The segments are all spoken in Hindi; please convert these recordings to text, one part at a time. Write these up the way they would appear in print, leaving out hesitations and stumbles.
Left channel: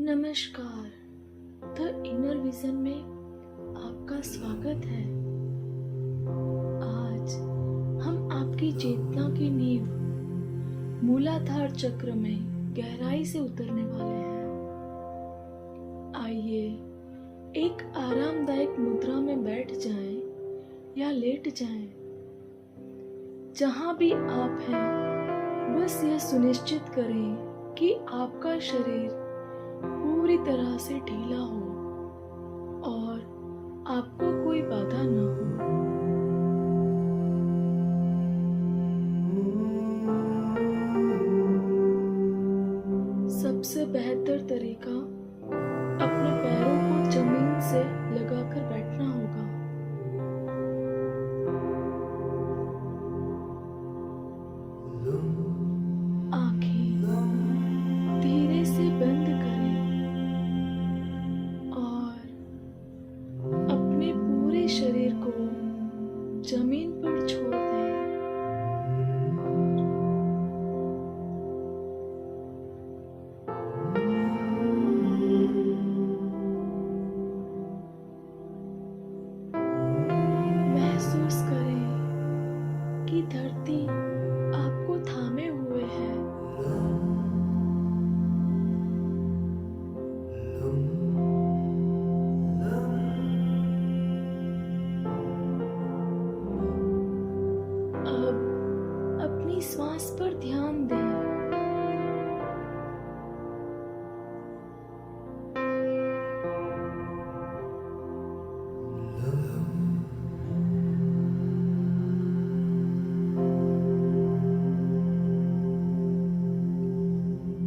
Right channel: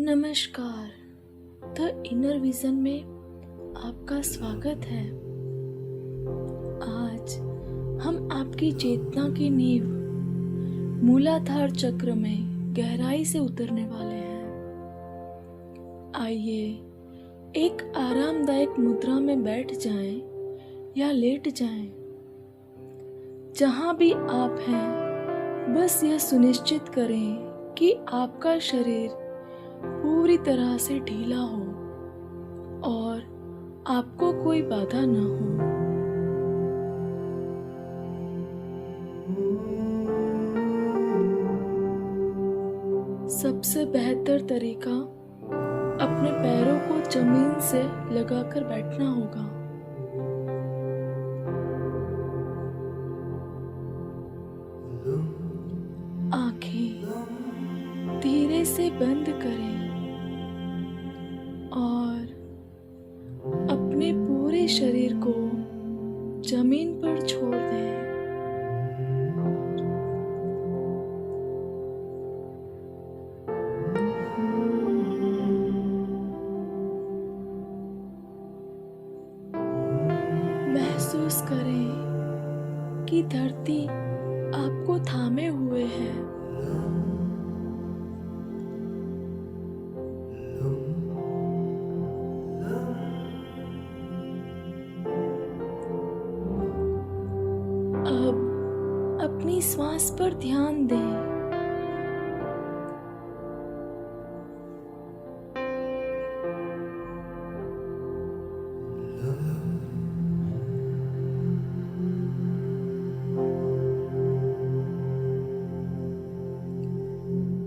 नमस्कार। द इनर विजन में आपका स्वागत है। आज हम आपकी चेतना की नींव मूलाधार चक्र में गहराई से उतरने वाले हैं। आइए एक आरामदायक मुद्रा में बैठ जाएं या लेट जाएं। जहां भी आप हैं, बस यह सुनिश्चित करें कि आपका शरीर पूरी तरह से ढीला हो और आपको कोई बाधा न हो। सबसे बेहतर तरीका अपने पैरों को जमीन से लगाकर बैठना होगा। आंखें धीरे से बंद करें और अपने पूरे शरीर को जमीन पर छोड़ दें। महसूस करें कि धरती आपको थामे हुए है। अब अपनी श्वास पर ध्यान दें।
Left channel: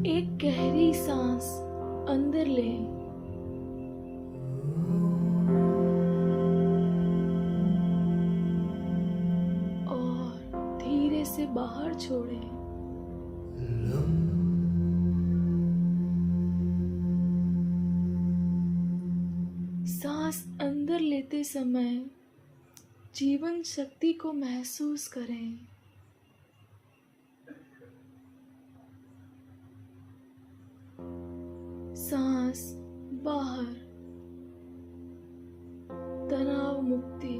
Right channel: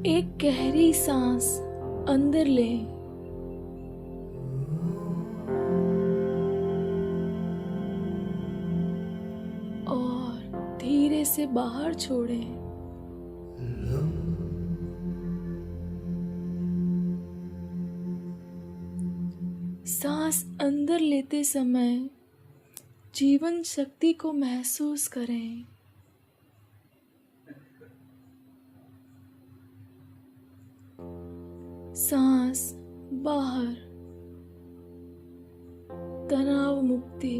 एक गहरी सांस अंदर लें और धीरे से बाहर छोड़ें। सांस अंदर लेते समय जीवन शक्ति को महसूस करें। सांस बाहर, तनाव मुक्ति।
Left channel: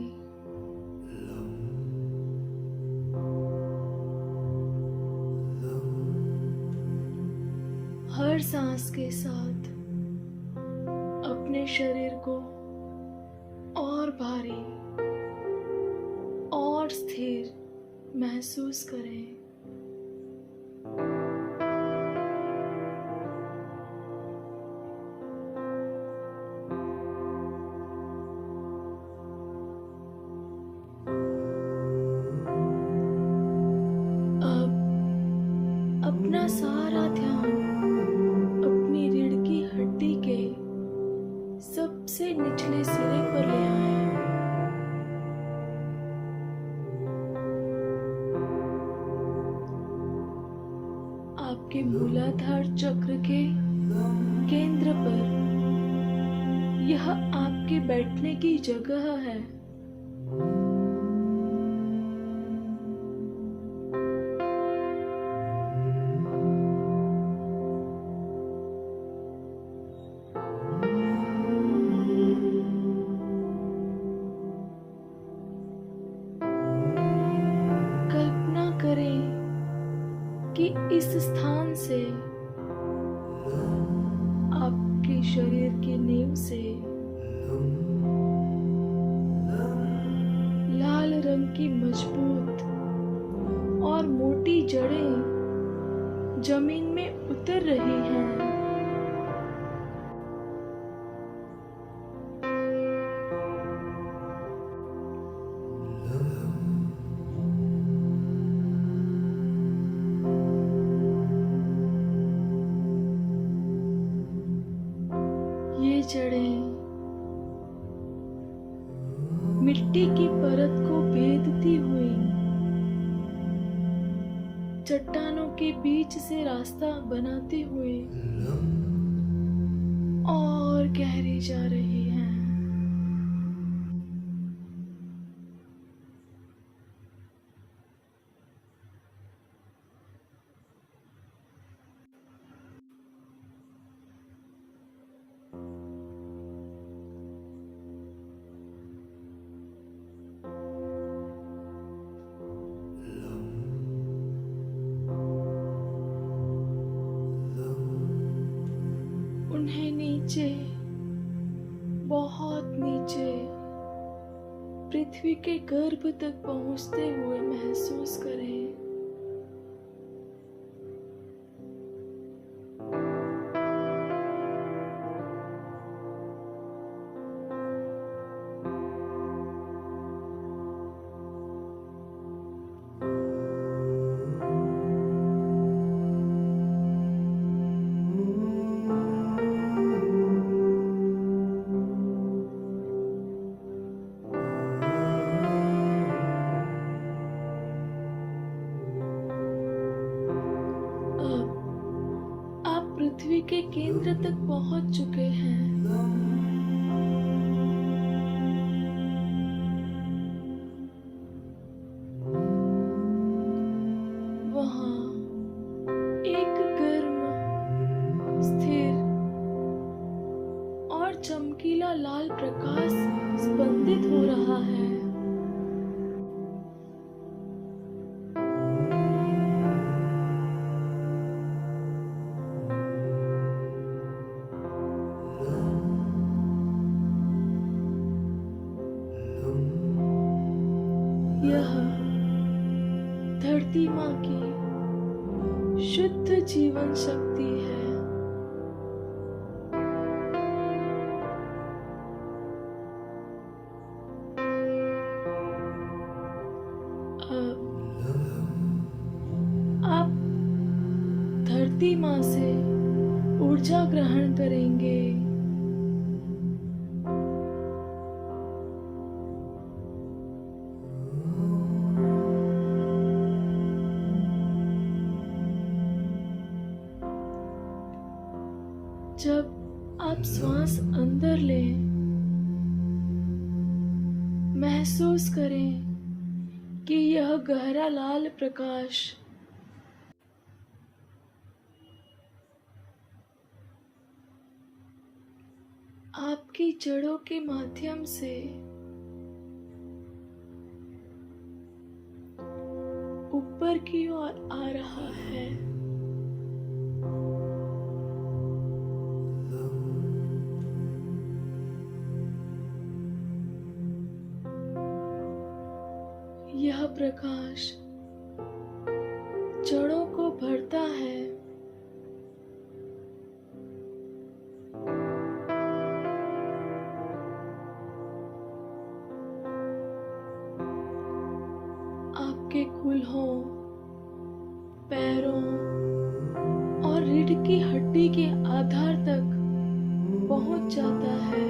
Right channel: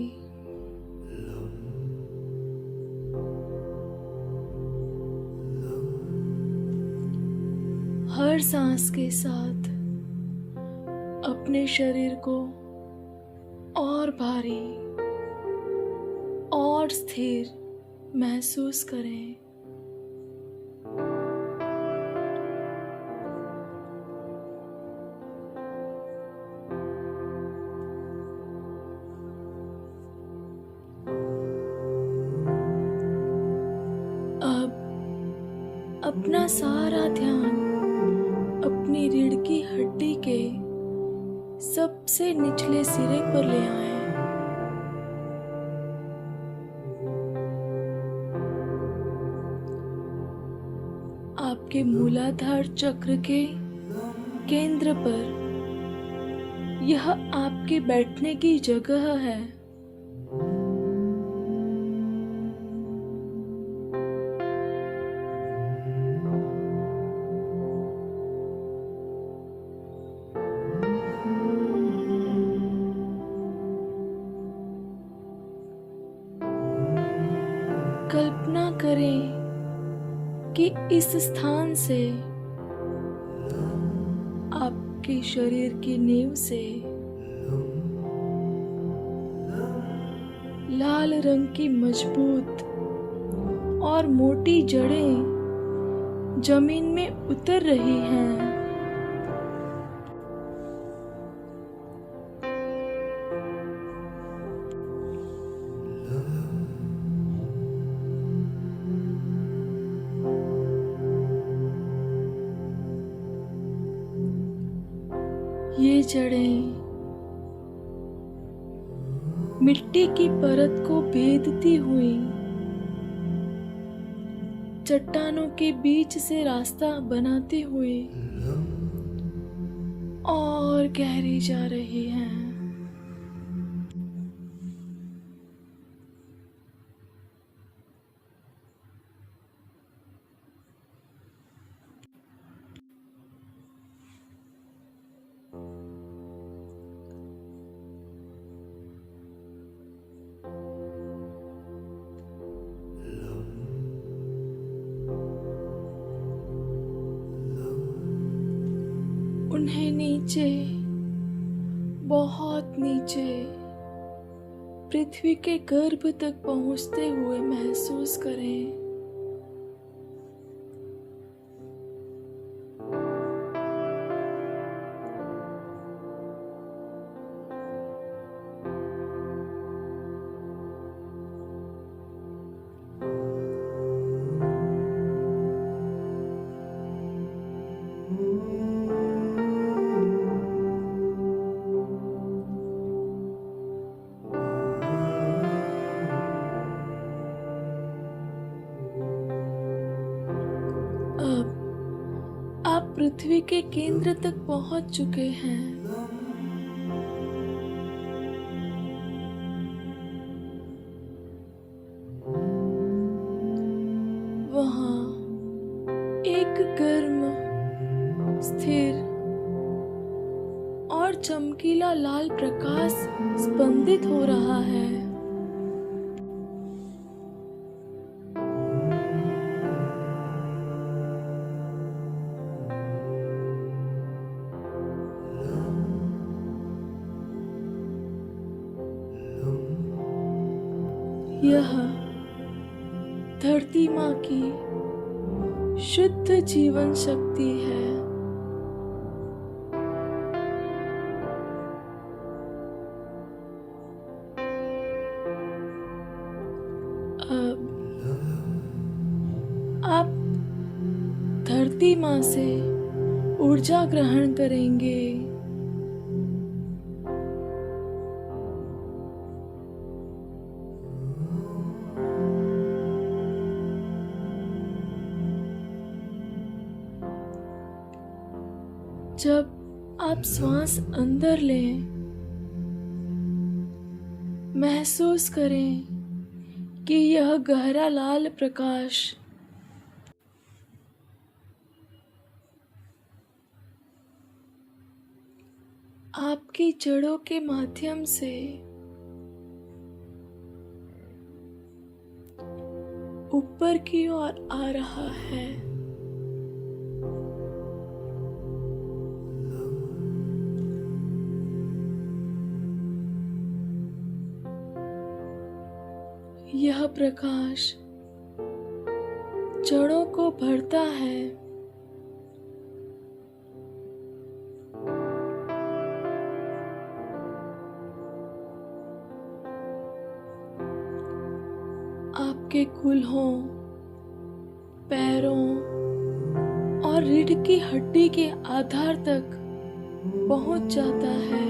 हर सांस के साथ अपने शरीर को और भारी और स्थिर महसूस करें। अपना सारा ध्यान अपनी रीढ़ की हड्डी के सबसे निचले सिरे पर ले आएं। आपके मूलाधार चक्र के केंद्र पर यह आपके बैठने की जगह है। कल्पना करें कि इस स्थान से आपके शरीर की नींव से लाल रंग की मजबूत और मोटी जड़ें जमीन में उतर रही हैं। ये जड़ें मिट्टी की परत को भेदती हुई चट्टानों के बीच से रास्ता बनाते हुए और गहरी जा रही हैं। नीचे, बहुत नीचे पृथ्वी के गर्भ तक पहुंचते हुए महसूस करें। अब आप पृथ्वी के केंद्र तक पहुंच चुके हैं। वहां एक गर्म, स्थिर और चमकीला लाल प्रकाश स्पंदित हो रहा है। यह धरती माँ की शुद्ध जीवन शक्ति है। अब आप धरती माँ से ऊर्जा ग्रहण करेंगे। जब आप श्वास अंदर लें, महसूस करें कि यह गहरा लाल प्रकाश आपकी जड़ों के माध्यम से ऊपर की ओर आ रहा है। यह प्रकाश जड़ों को भरता है। आपके कूल्हों, पैरों और रीढ़ की हड्डी के आधार तक पहुंच जाता है।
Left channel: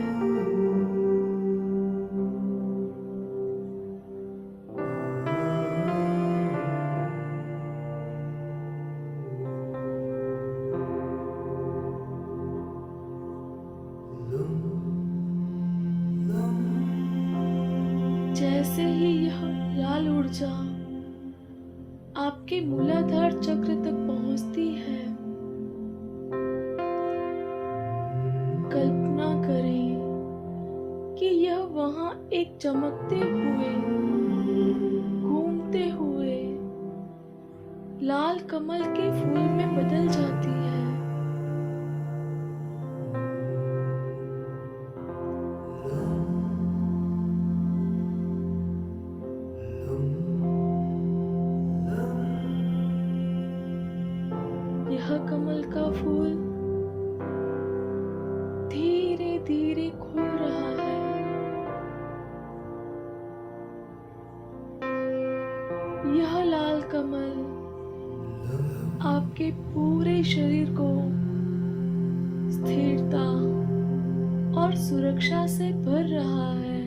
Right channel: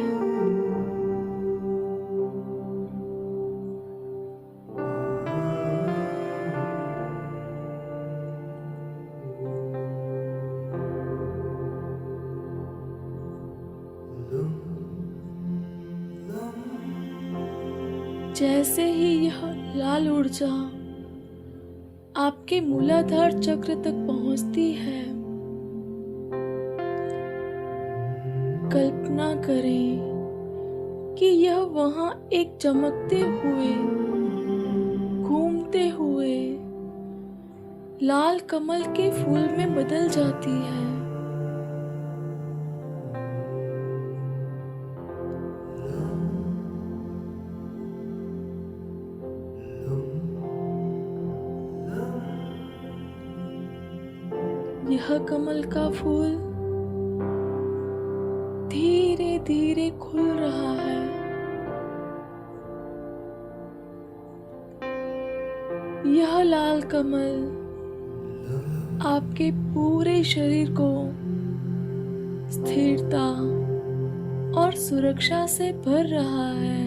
जैसे ही यह लाल ऊर्जा आपके मूलाधार चक्र तक पहुंचती है, कल्पना करें कि यह वहां एक चमकते हुए, घूमते हुए लाल कमल के फूल में बदल जाती है। यह कमल का फूल धीरे धीरे खुल रहा है। यह लाल कमल आपके पूरे शरीर को स्थिरता और सुरक्षा से भर रहा है।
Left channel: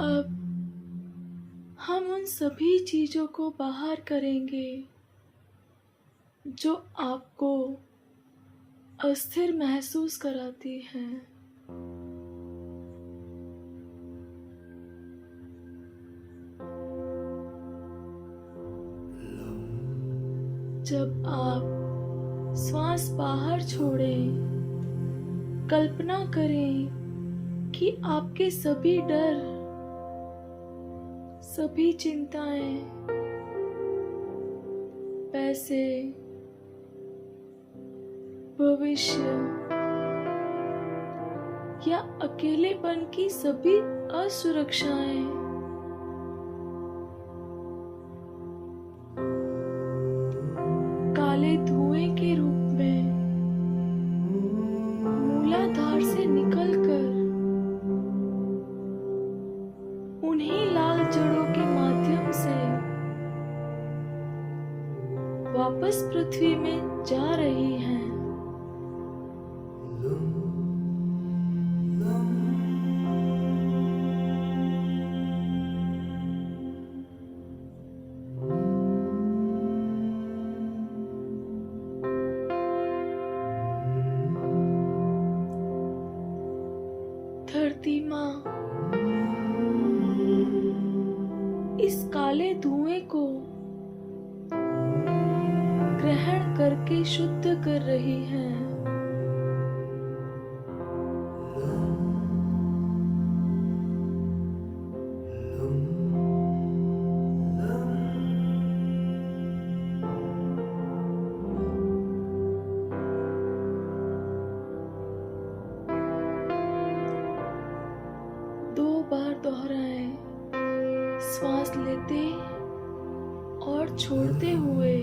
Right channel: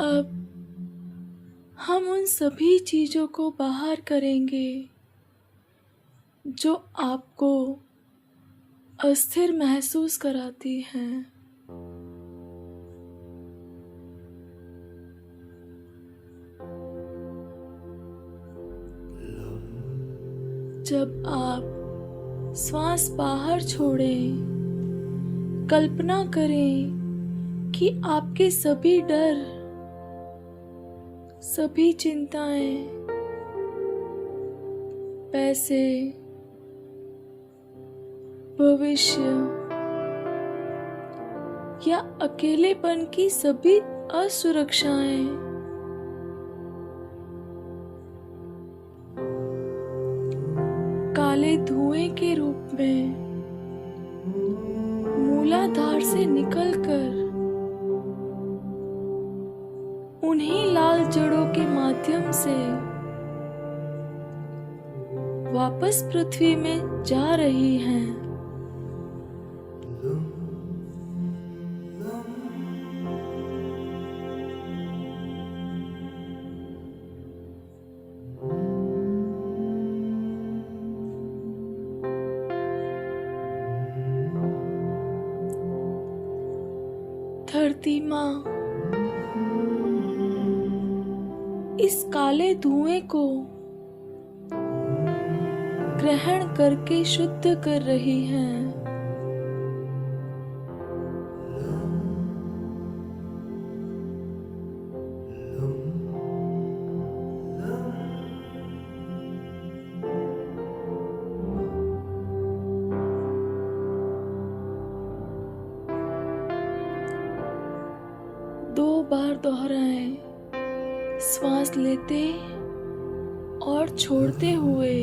अब हम उन सभी चीजों को बाहर करेंगे जो आपको अस्थिर महसूस कराती हैं। जब आप श्वास बाहर छोड़ें। कल्पना करें कि आपके सभी डर, सभी चिंताएं, पैसे, भविष्य या अकेलेपन की सभी असुरक्षाएं काले धुएं के रूप में मूलाधार से निकलकर उन्हीं लाल जड़ों के माध्यम से वापस पृथ्वी में जा रही हैं। धरती माँ इस काले धुएं को ग्रहण करके शुद्ध कर रही हैं। दो बार दोहराएं, श्वास लेते और छोड़ते हुए।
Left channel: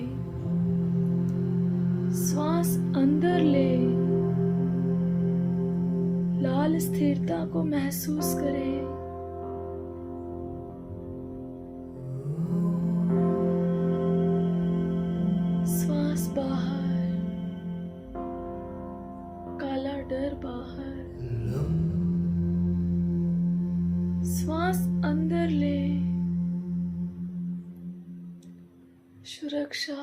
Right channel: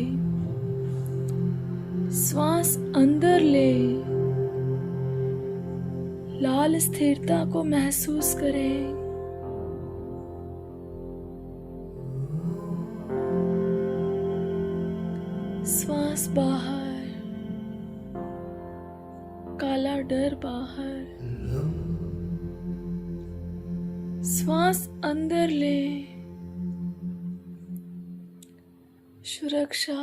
श्वास अंदर ले, लाल स्थिरता को महसूस करें। श्वास बाहर, काला डर बाहर। श्वास अंदर ले, सुरक्षा।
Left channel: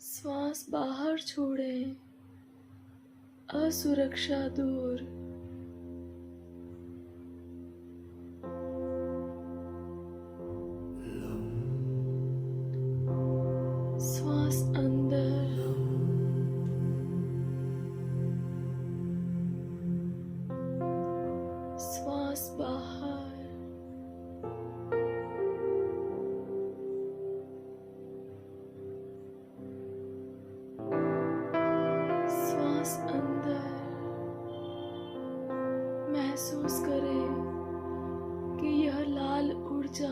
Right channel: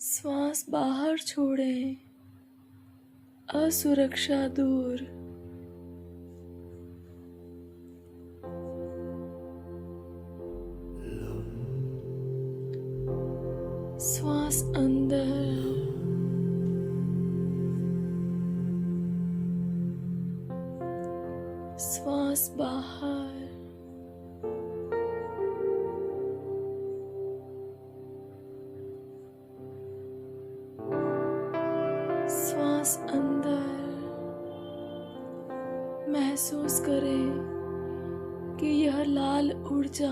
श्वास बाहर छोड़ें, असुरक्षा दूर। श्वास अंदर, श्वास बाहर। श्वास अंदर, महसूस करें कि यह लाल ऊर्जा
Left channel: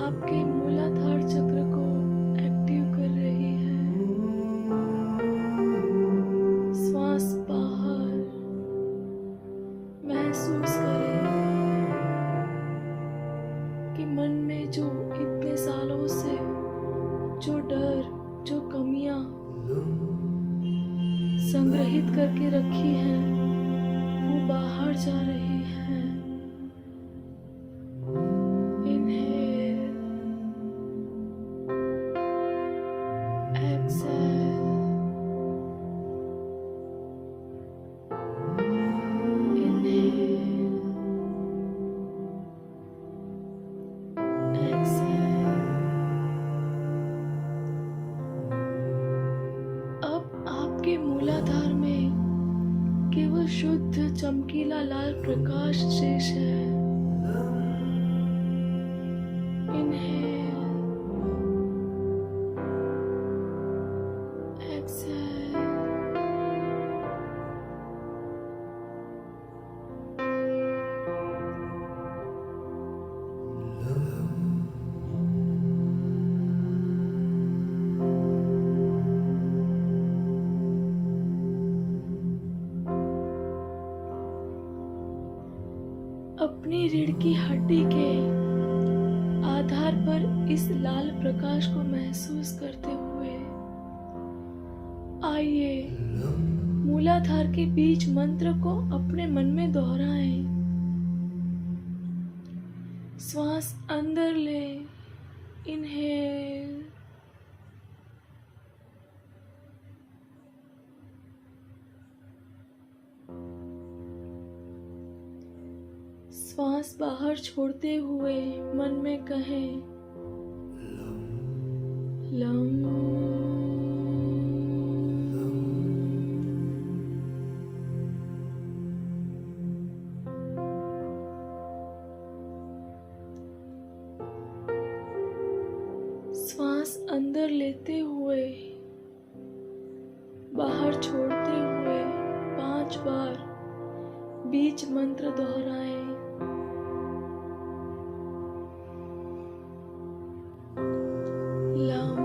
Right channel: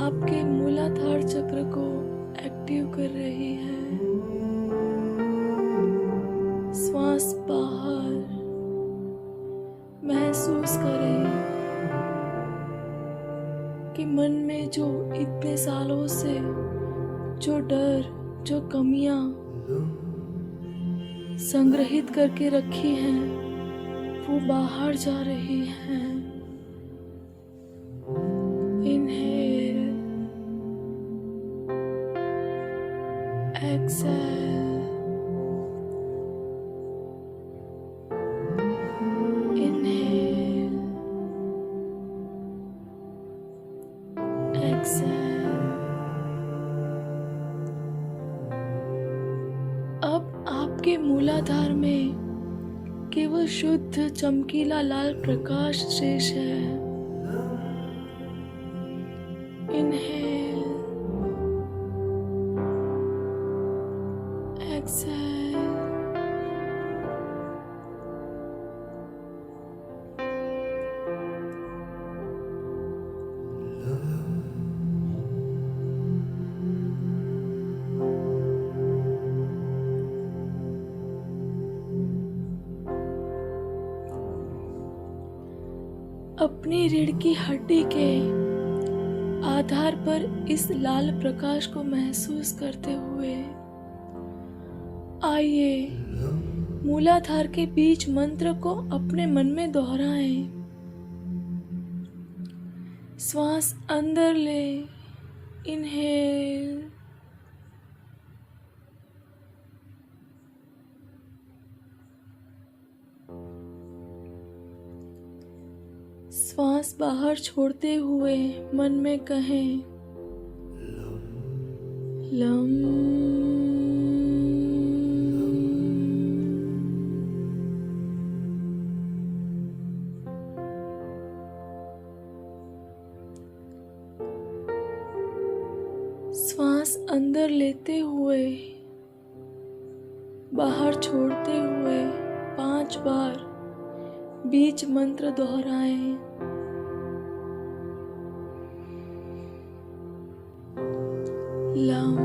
आपके मूलाधार चक्र को एक्टिव कर रही है। श्वास बाहर, महसूस करें कि मन में जो इतने सालों से जो डर, जो कमियां संग्रहित करके रखी हैं, वो बाहर जा रही हैं। Inhale, exhale, inhale, exhale. अब आपके मूलाधार में केवल शुद्ध चमकीला लाल प्रकाश शेष है। Inhale, exhale. अपनी रीढ़ की हड्डी के आधार पर इस लाल प्रकाश को महसूस करते हुए आइए मूलाधार के बीज मंत्र को अपने मन में दोहराएं। श्वास अंदर ले, इनहेल, श्वास बाहर छोड़ते हुए मन में कहें लम। श्वास अंदर लेते हुए बाहर छोड़ते हुए 5 बार बीज मंत्र दोहराएं। लम।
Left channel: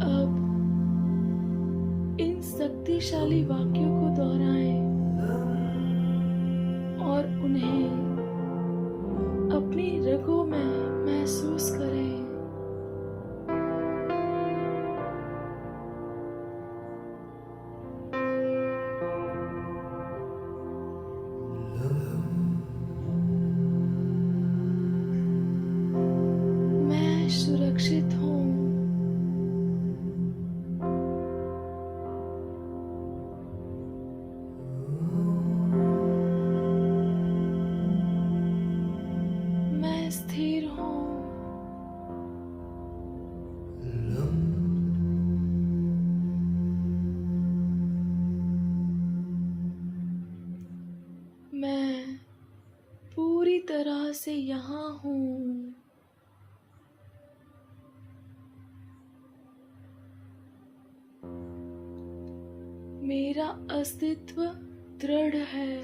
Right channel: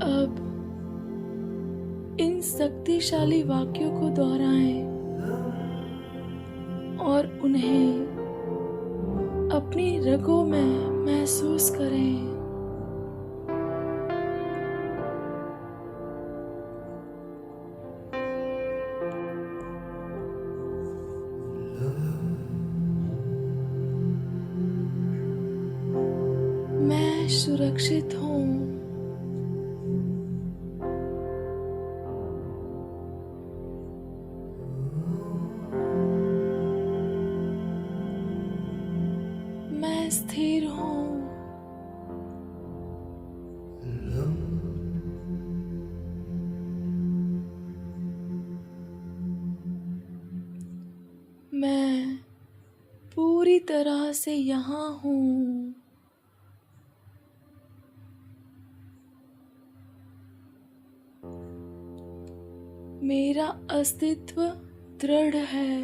अब इन शक्तिशाली वाक्यों को दोहराएं और उन्हें अपनी रगों में महसूस करें। मैं सुरक्षित हूँ। मैं स्थिर हूँ। मैं पूरी तरह से यहाँ हूँ। मेरा अस्तित्व दृढ़ है।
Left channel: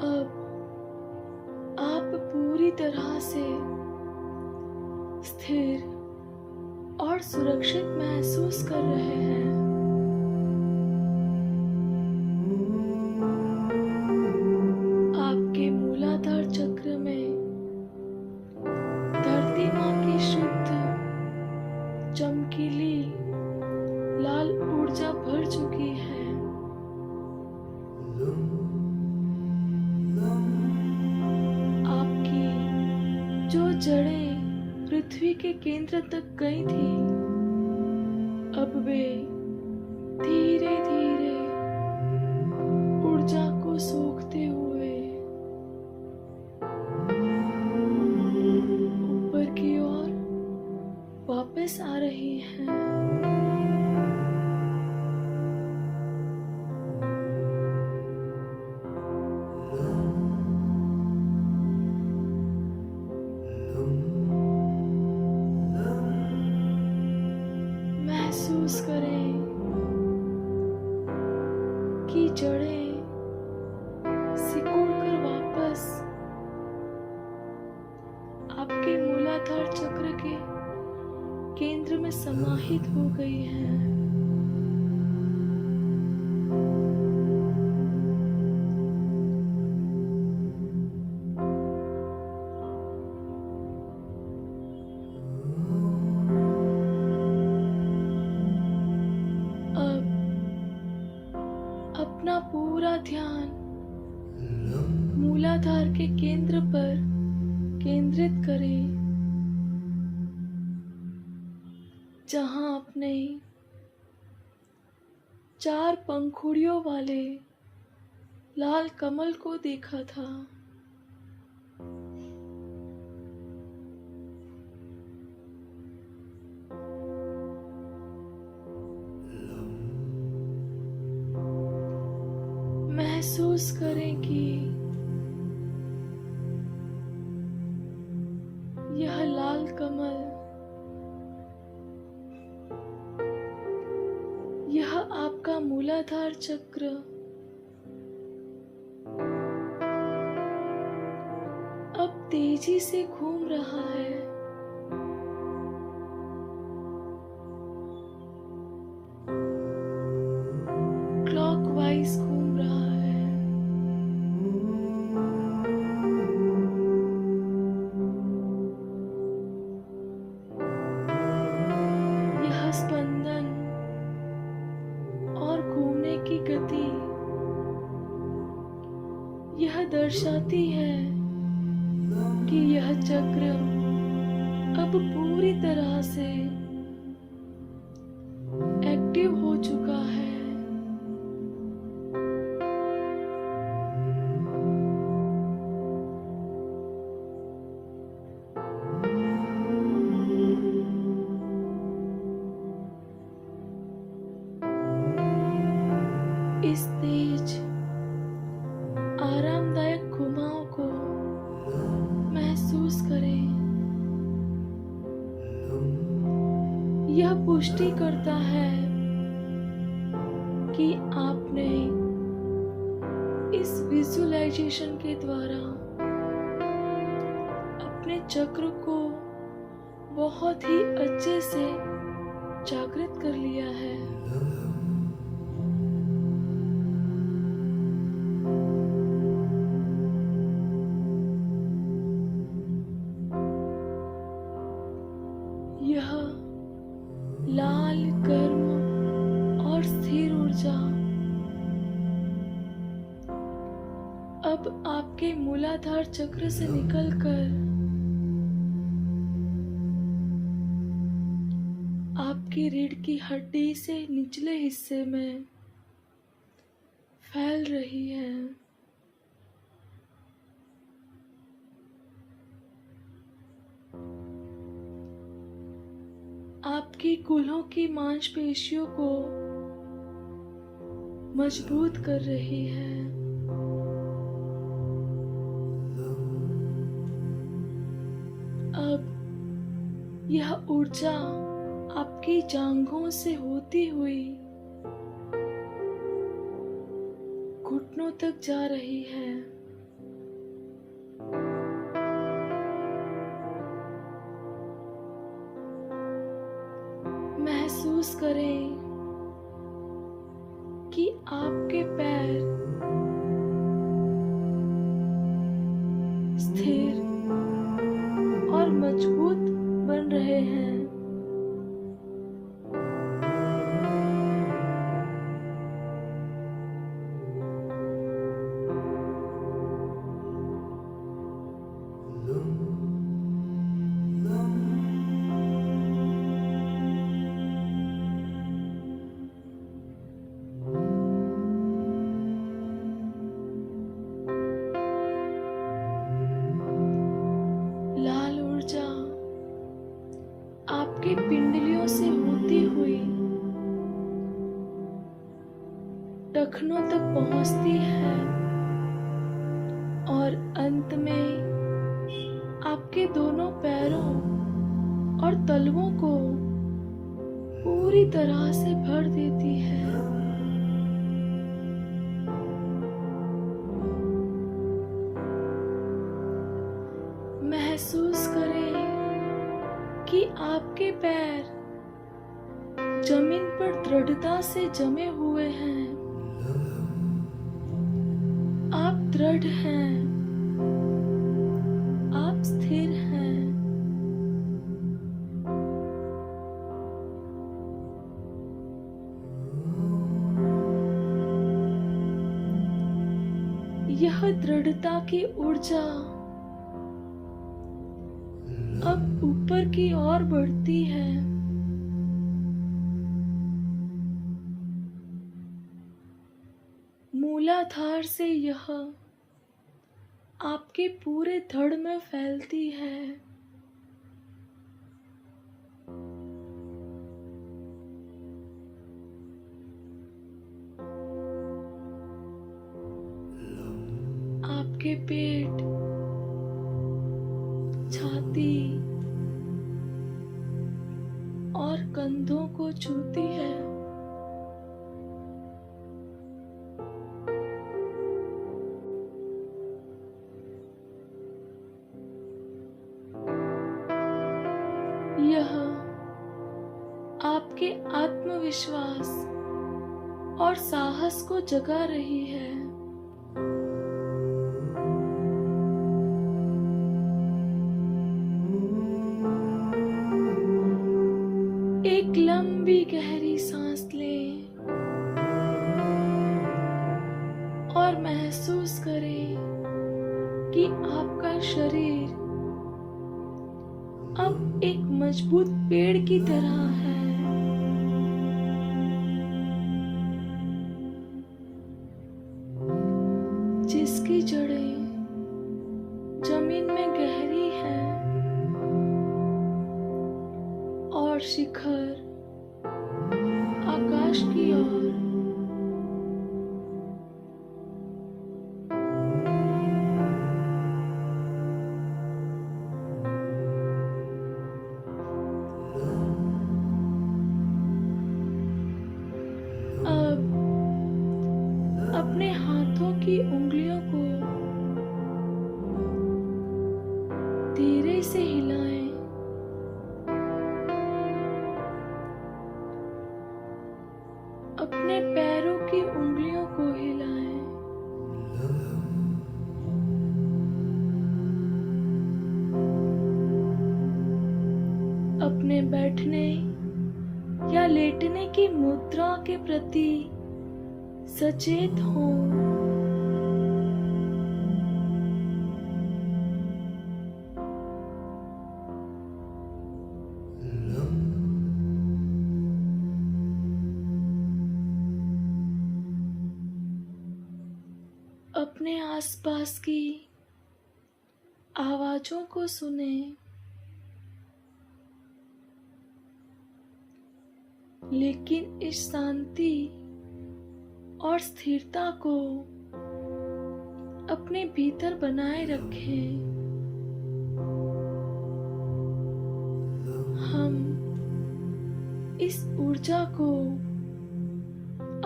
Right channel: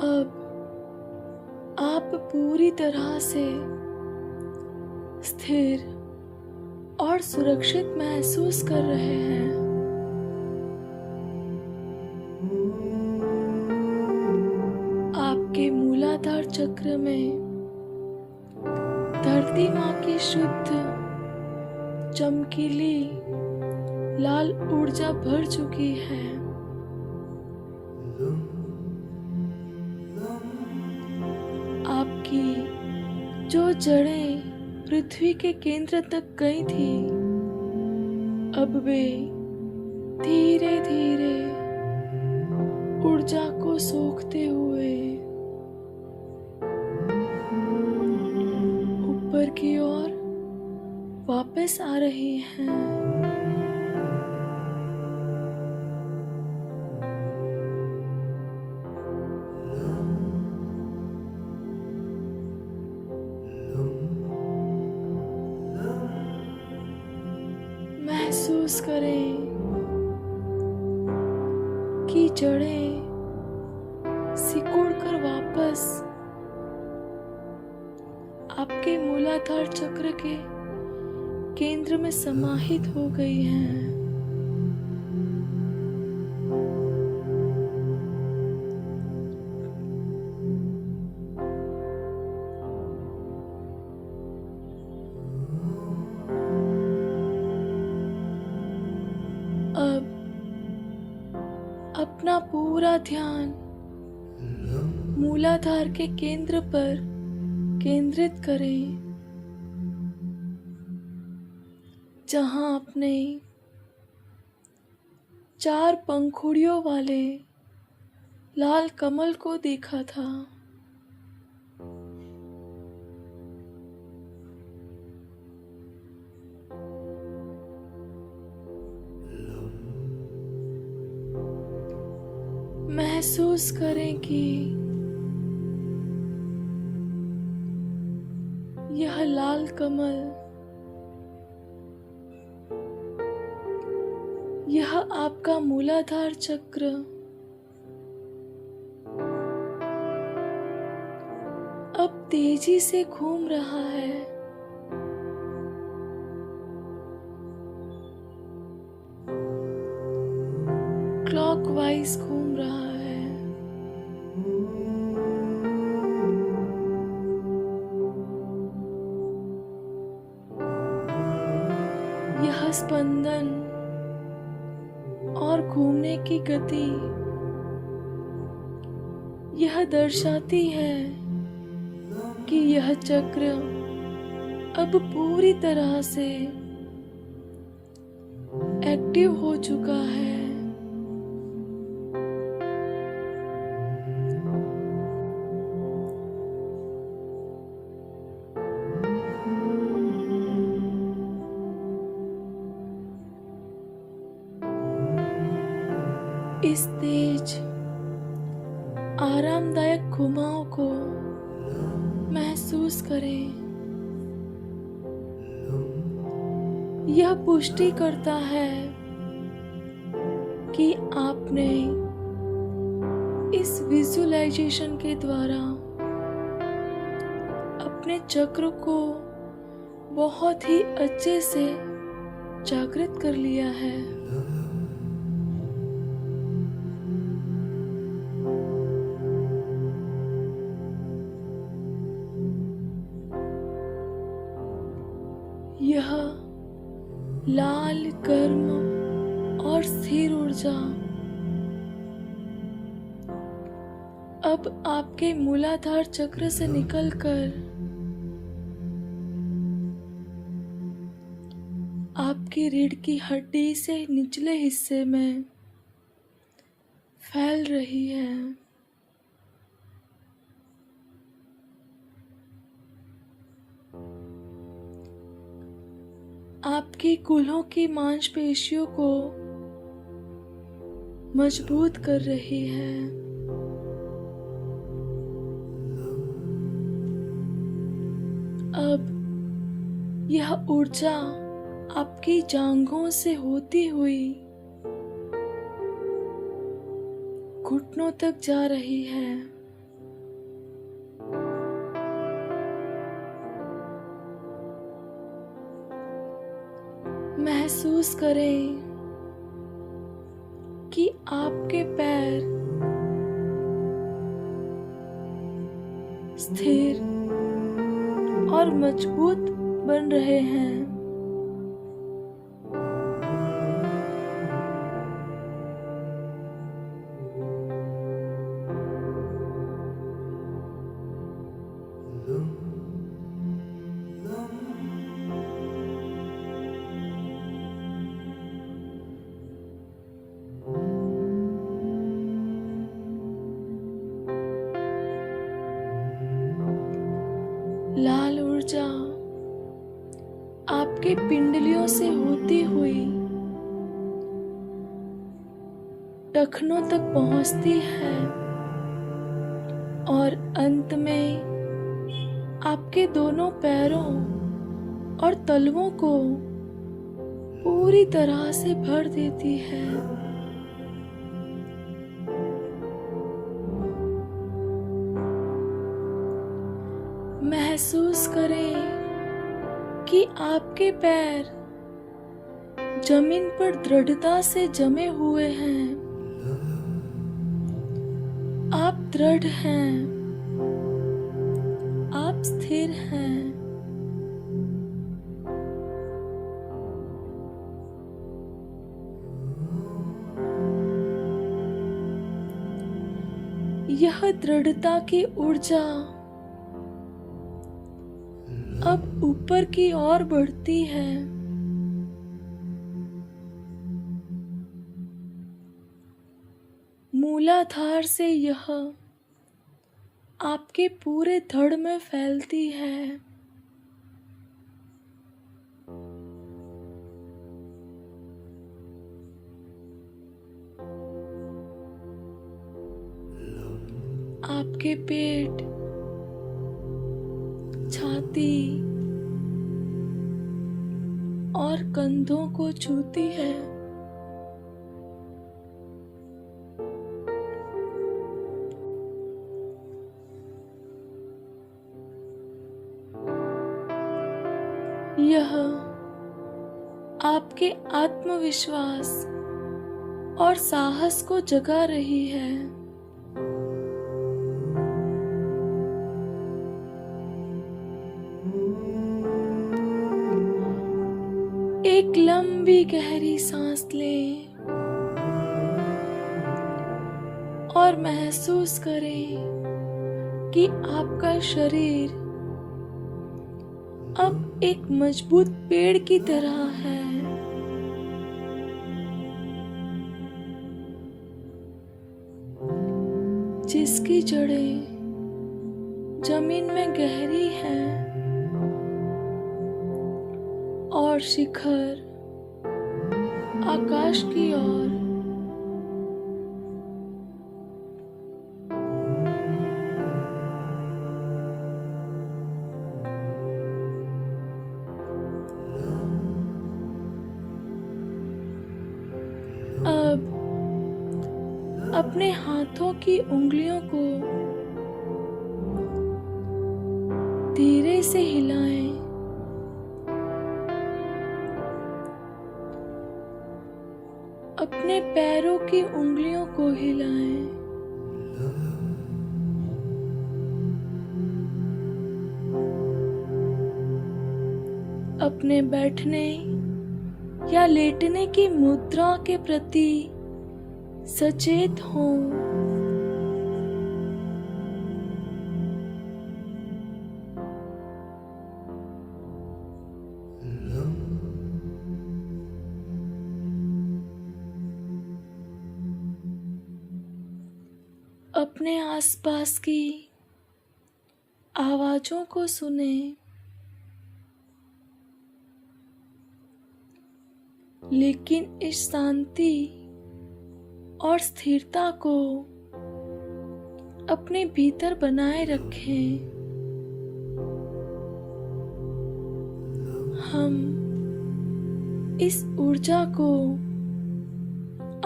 अब आप पूरी तरह से स्थिर और सुरक्षित महसूस कर रहे हैं। आपके मूलाधार चक्र में धरती माँ की शुद्ध चमकीली लाल ऊर्जा भर चुकी है। आपकी जो जड़ें पृथ्वी के केंद्र तक गई थी, अब वे धीरे धीरे ऊर्जा को सोखते हुए ऊपर की ओर वापस आ रही हैं। महसूस करें कि जड़ें सिकुड़कर वापस आपके मूलाधार चक्र के केंद्र में समाहित हो गई हैं। अब अपना पूरा ध्यान मूलाधार के केंद्र पर केंद्रित करें, जहां आपने 4 पंखुड़ियों वाले लाल कमल को देखा था। महसूस करें कि यह लाल कमल, यह आपका मूलाधार चक्र अब तेजी से घूम रहा है। क्लॉकवाइज घूम रहा है। यह स्पंदन और घूमने की गति यह दर्शाती है कि यह चक्र अब पूरी तरह से एक्टिव हो चुका है। इस तेज आरामदायक घुमाव को महसूस करें। यह पुष्टि करता है कि आपने इस विजुअलाइजेशन के द्वारा अपने चक्र को बहुत ही अच्छे से जागृत कर लिया है। यह लाल, गर्म और स्थिर ऊर्जा अब आपके मूलाधार चक्र से निकलकर आपकी रीढ़ की हड्डी से निचले हिस्से में फैल रही है। आपकी कूल्हों की मांसपेशियों को मजबूत कर रही है। अब यह ऊर्जा आपकी जांघों से होती हुई घुटनों तक जा रही है। महसूस करें कि आपके पैर स्थिर और मजबूत बन रहे हैं। लाल ऊर्जा आपके पिंडलियों से होती हुई टखनों तक पहुंचती है और अंत में आपके दोनों पैरों और तलवों को पूरी तरह से भर देती है। महसूस करें कि आपके पैर जमीन पर दृढ़ता से जमे हुए हैं। आप दृढ़ हैं, आप स्थिर हैं। यह दृढ़ता की ऊर्जा अब ऊपर की ओर बढ़ती है। मूलाधार से यह आपके पूरे धड़ में फैलती है। आपके पेट, छाती और कंधों को छूती है। यह आपके आत्मविश्वास और साहस को जगा रही है। एक लंबी गहरी सांस लें और महसूस करें कि आपका शरीर अब एक मजबूत पेड़ की तरह है। जिसकी जड़ें जमीन में गहरी हैं और शिखर आकाश की ओर। अब अपने हाथों की उंगलियों को धीरे से हिलाएं। अपने पैरों की उंगलियों को हिलाएं। अपने बैठने या लेटने की मुद्रा के प्रति सचेत हों। अपने आसपास की आवाजों को सुनें, लेकिन इस शांति और स्थिरता को अपने भीतर बनाए रखें। हम इस ऊर्जा को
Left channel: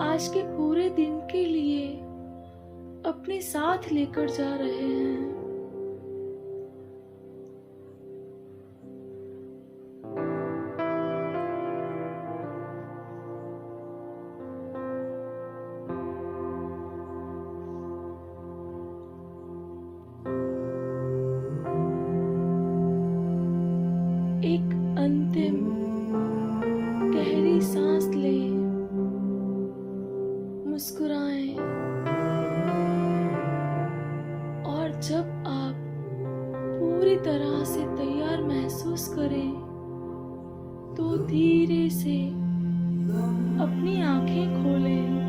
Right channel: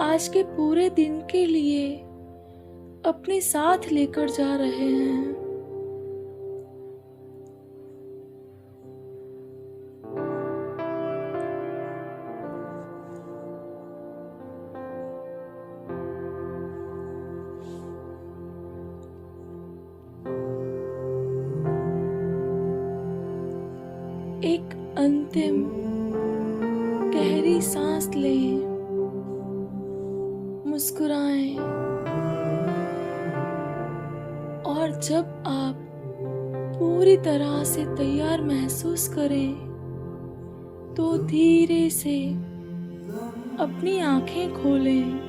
आज के पूरे दिन के लिए अपने साथ लेकर जा रहे हैं। एक अंतिम गहरी सांस लें, मुस्कुराएं और जब आप पूरी तरह से तैयार महसूस करें तो धीरे से अपनी आंखें खोलें।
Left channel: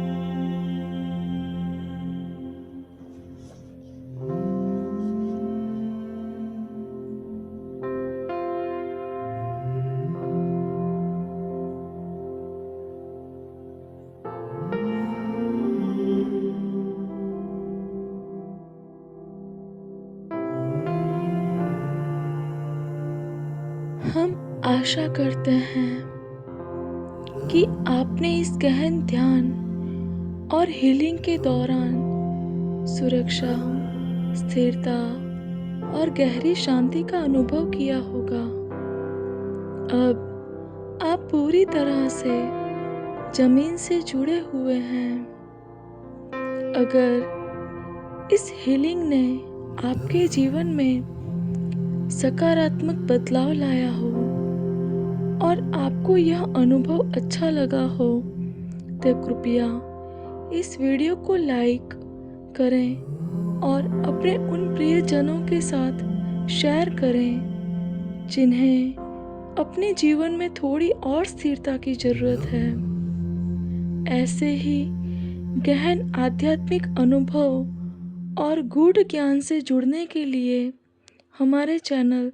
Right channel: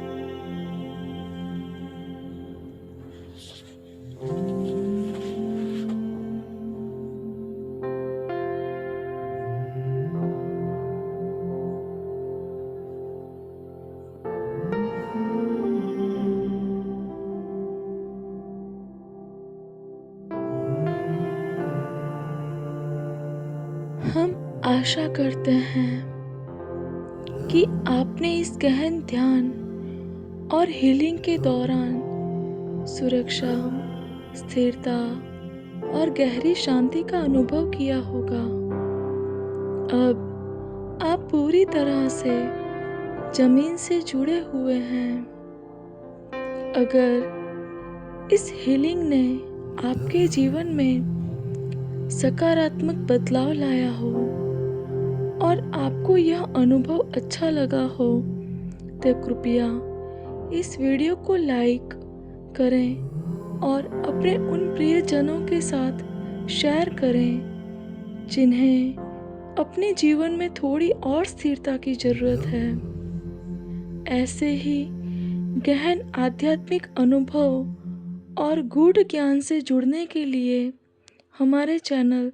हम आशा करते हैं कि आपने इस गहन ध्यान और हीलिंग के दौरान सुरक्षा, स्थिरता और गहरी शांति का अनुभव किया होगा। अब आप पूरी तरह से जमीन से जुड़े हुए हैं। अगर इस हीलिंग ने आपके जीवन में सकारात्मक बदलाव लाया हो और आपको यह अनुभव अच्छा लगा हो तो कृपया इस वीडियो को लाइक करें और अपने उन प्रियजनों के साथ शेयर करें जिन्हें अपने जीवन में थोड़ी और स्थिरता की ज़रूरत है। ऐसे ही गहन आध्यात्मिक अनुभव और गूढ़ ज्ञान से जुड़ने के लिए हमारे चैनल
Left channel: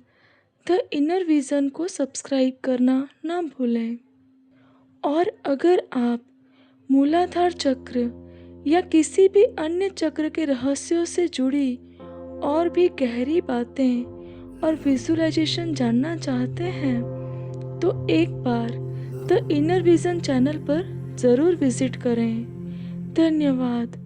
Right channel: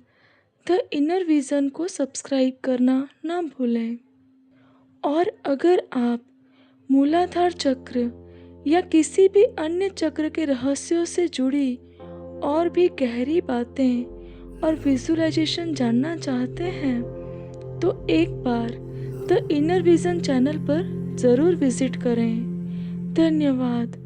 द इनर विज़न को सब्सक्राइब करना ना भूलें। और अगर आप मूलाधार चक्र या किसी भी अन्य चक्र के रहस्यों से जुड़ी और भी गहरी बातें और विजुअलाइजेशन जानना चाहते हैं तो एक बार द इनर विजन चैनल पर ज़रूर विज़िट करें। धन्यवाद।